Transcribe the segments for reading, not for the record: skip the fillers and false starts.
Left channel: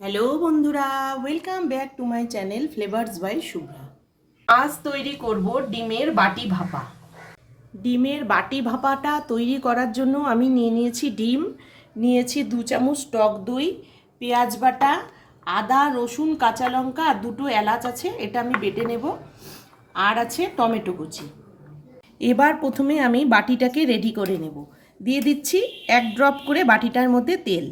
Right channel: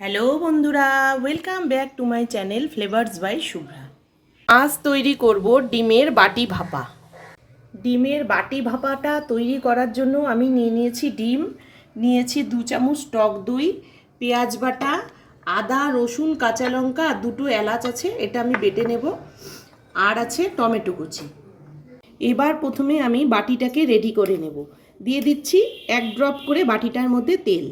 Hello বন্ধুরা, welcome back to my channel flavours by Shubhra. আজ তৈরি করব ডিমের বাটি ভাপা। ডিমের বাটি ভাপাটা তৈরি করার জন্য আমি নিয়েছি ডিম, নিয়েছি 2 চামচ টক দই, পেঁয়াজ বাটা, আদা রসুন কাঁচা লঙ্কা আর 2টো এলাচ আছে, এটা আমি বেটে নেব, আর আছে টমেটো কুচি। এবার প্রথমে আমি বাটিটাকে রেডি করে নেব। দিয়ে দিচ্ছি 1 ড্রপ করে বাটিটার মধ্যে তেল।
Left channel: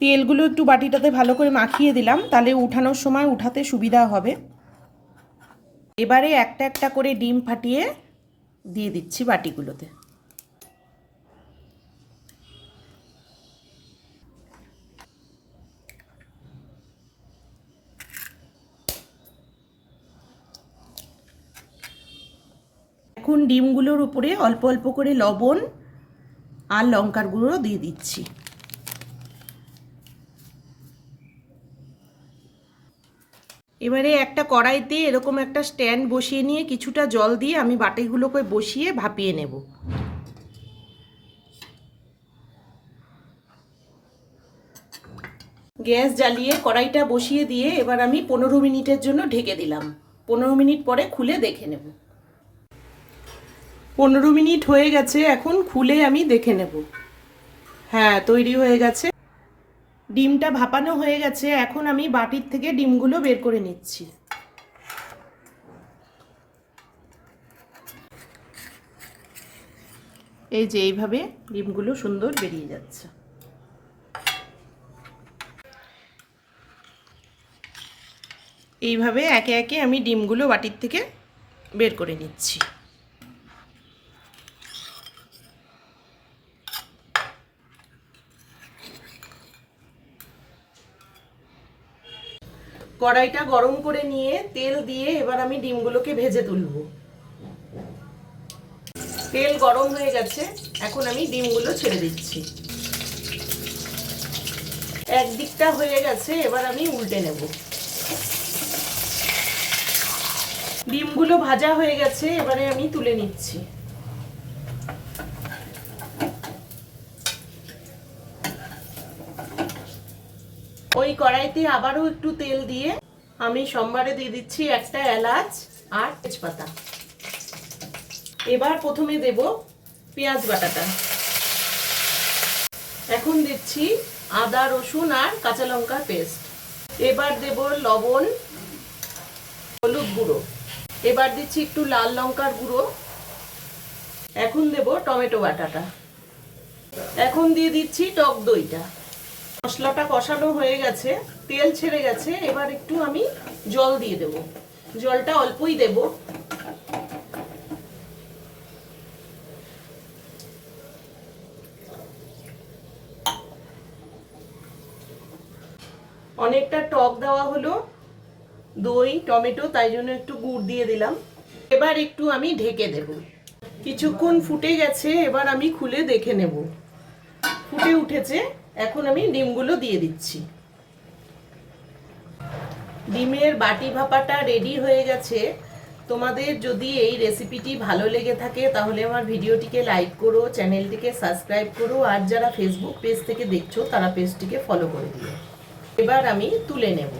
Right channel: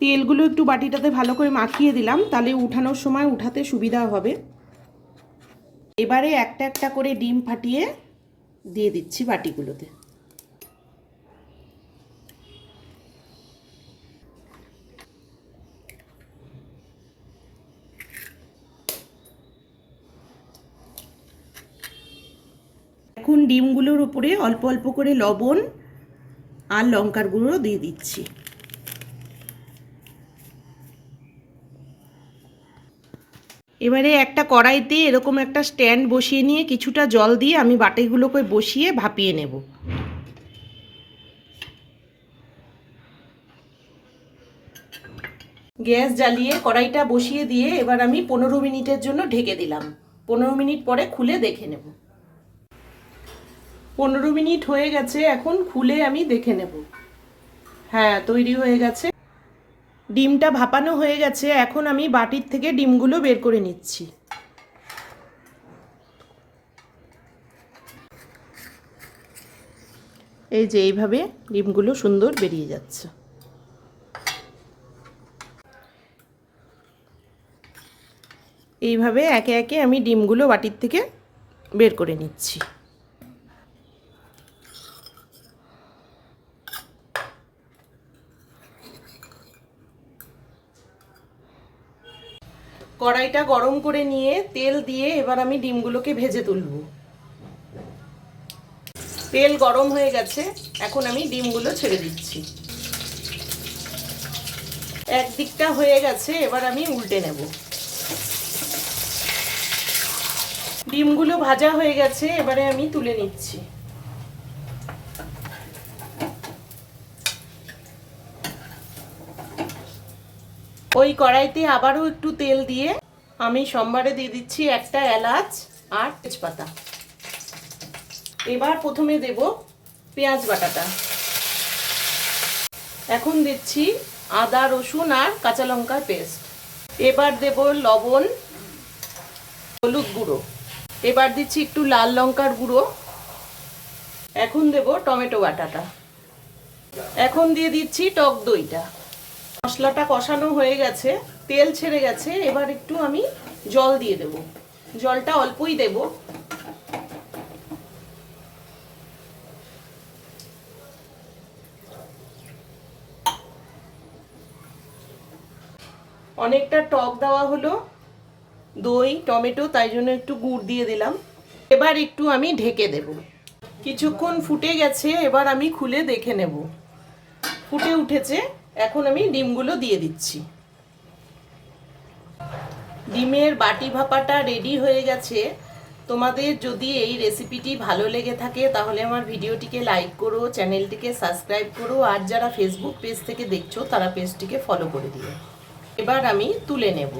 তেলগুলো একটু বাটিটাতে ভালো করে মাখিয়ে দিলাম, তাহলে উঠানোর সময় উঠাতে সুবিধা হবে। এবারে একটা একটা করে ডিম ফাটিয়ে দিয়ে দিচ্ছি বাটিগুলোতে। এখন ডিমগুলোর উপরে অল্প অল্প করে লবণ আর লঙ্কার গুঁড়ো দিয়ে দিচ্ছি। এবারে একটা কড়াইতে এরকম একটা স্ট্যান্ড বসিয়ে নিয়ে কিছুটা জল দিয়ে আমি বাটিগুলোকে বসিয়ে ভাপিয়ে নেব। গ্যাস জ্বালিয়ে কড়াইটা বসিয়ে দিয়ে এবার আমি 15 মিনিটের জন্য ঢেকে দিলাম। 15 মিনিট পরে খুলে দেখে নেব। 15 মিনিট হয়ে গেছে, এখন খুলে আমি দেখে নেব। হ্যাঁ, তৈরি হয়ে গেছে। ডিমটা ভাপানো হয়ে গেছে, এখন আমি বাটির থেকে ডিমগুলো বের করে নিচ্ছি। এই যে এইভাবে ডিমগুলো সুন্দর বেরিয়ে যাচ্ছে। এইভাবে একে একে আমি ডিমগুলো বাটির থেকে বের করে নিচ্ছি। কড়াইটা গরম করে নিয়ে তেল দিয়ে এবার আমি ডিমগুলোকে ভেজে তুলব। তেল গরম হয়ে গেছে, এখন আমি ডিমগুলো ছেড়ে দিচ্ছি। একদিকটা হয়ে গেছে, এবার আমি উল্টে নেব। ডিমগুলো ভাজা হয়ে গেছে, এবারে আমি তুলে নিচ্ছি। ওই কড়াইতে আবারও একটু তেল দিয়ে আমি সম্বারে দিয়ে দিচ্ছি একটা এলাচ আর তেজপাতা। এবার প্রথমে দেব পেঁয়াজ বাটাটা। এখন দিচ্ছি আদা রসুন আর কাঁচা লঙ্কার পেস্ট। এবার দেব লবণ, হলুদ গুঁড়ো। এবার দিচ্ছি একটু লাল লঙ্কার গুঁড়ো। এখন দেব টমেটো বাটাটা। এখন দিয়ে দিচ্ছি টক দইটা। মশলাটা কষানো হয়ে গেছে, তেল ছেড়ে গেছে, এবার একটু আমি জল দিয়ে দেব। জলটা অল্পই দেব। অনেকটা টক দেওয়া হলো, দই টমেটো, তাই জন্য একটু গুড় দিয়ে দিলাম। এবার একটু আমি ঢেকে দেব। কিছুক্ষণ ফুটে গেছে, এবার আমি খুলে দেখে নেব। ফুটে উঠেছে, এখন আমি ডিমগুলো দিয়ে দিচ্ছি। ডিমের বাটি ভাপাটা রেডি হয়ে গেছে। তোমাদের যদি এই রেসিপিটি ভালো লেগে থাকে তাহলে আমার ভিডিওটিকে লাইক করো, চ্যানেলটিকে সাবস্ক্রাইব করো, আর যারা ফেসবুক পেজ থেকে দেখছো তারা পেজটিকে ফলো করে দিও। এবার আমি তুলে নেব।